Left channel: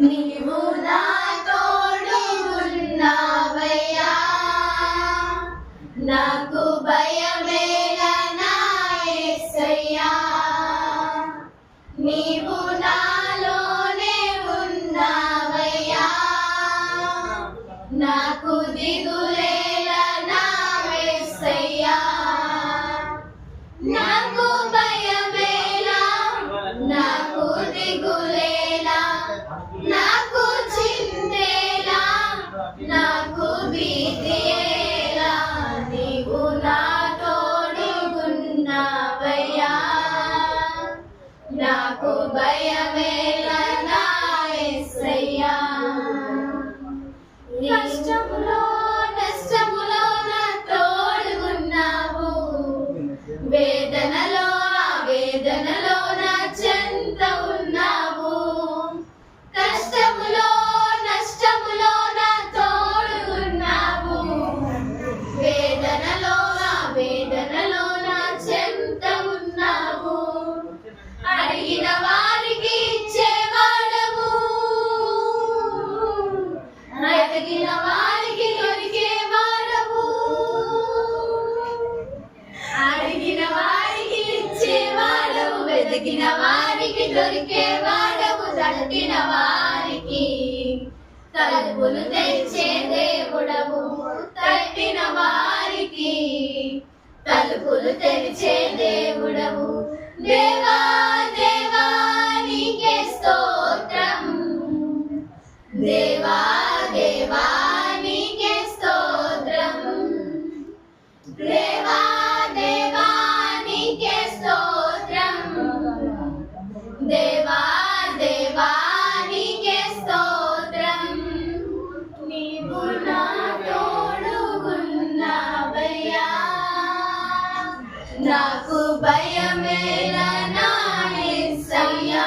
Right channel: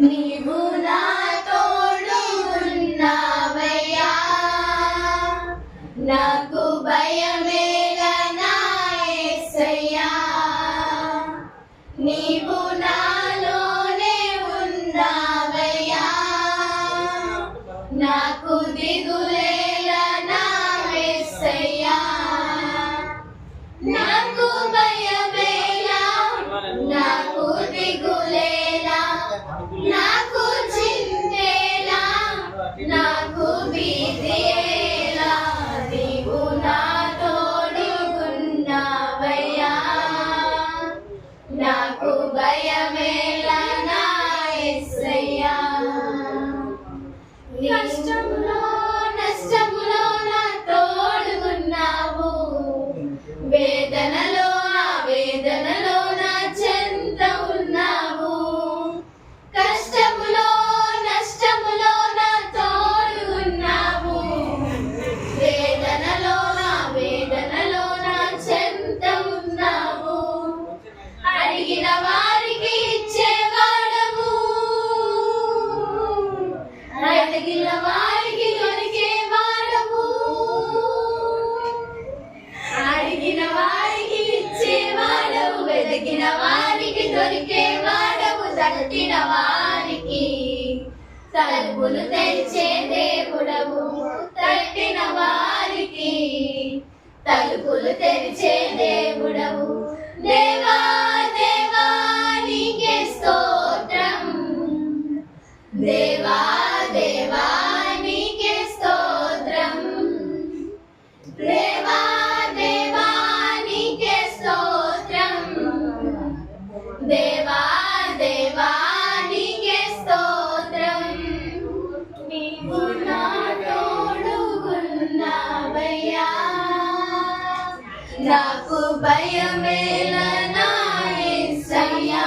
నీవు నా తోడు ఉన్నావయ్యా, నాకు భయమేలా నా యేసయ్యా. నీవు నాలోనే ఉన్నావయ్యా, నాకు దిగులేలా నా యేసయ్యా. నాకు భయమేలా, నాకు దిగులేలా, నాకు చింతేలా, నాకు భీతియేలా. నీవు నా తోడు ఉన్నావయ్యా, నాకు భయమేలా నా యేసయ్యా. కష్టములో నష్టములో నా తోడుగున్నావు, వేదనలో వేదనలో నా చెంత ఉన్నావు. కష్టములో నష్టములో నా తోడుగున్నావు, వేదనలో వేదనలో నా చెంత ఉన్నావు. అడిగిన వారికి ఇచ్చేవాడవు, అడిగిన వారికి దొరికేవాడవు, అడిగిన వారికి ఇచ్చేవాడవు, వెతికిన వారికి దొరికేవాడవు. తట్టిన వారికి తలుపులు తెరిచే దేవుడవు, తట్టిన వారికి తలుపులు తెరిచే దేవుడవు. దేవా దేవా నీకే స్తోత్రం, దేవా దేవా నీకే స్తోత్రం, దేవా దేవా నీకే స్తోత్రం, దేవా దేవా నీకే స్తోత్రం. నీవు నా తోడుగున్నావయ్యా, నాకు భయమేలా నా యేసయ్యా.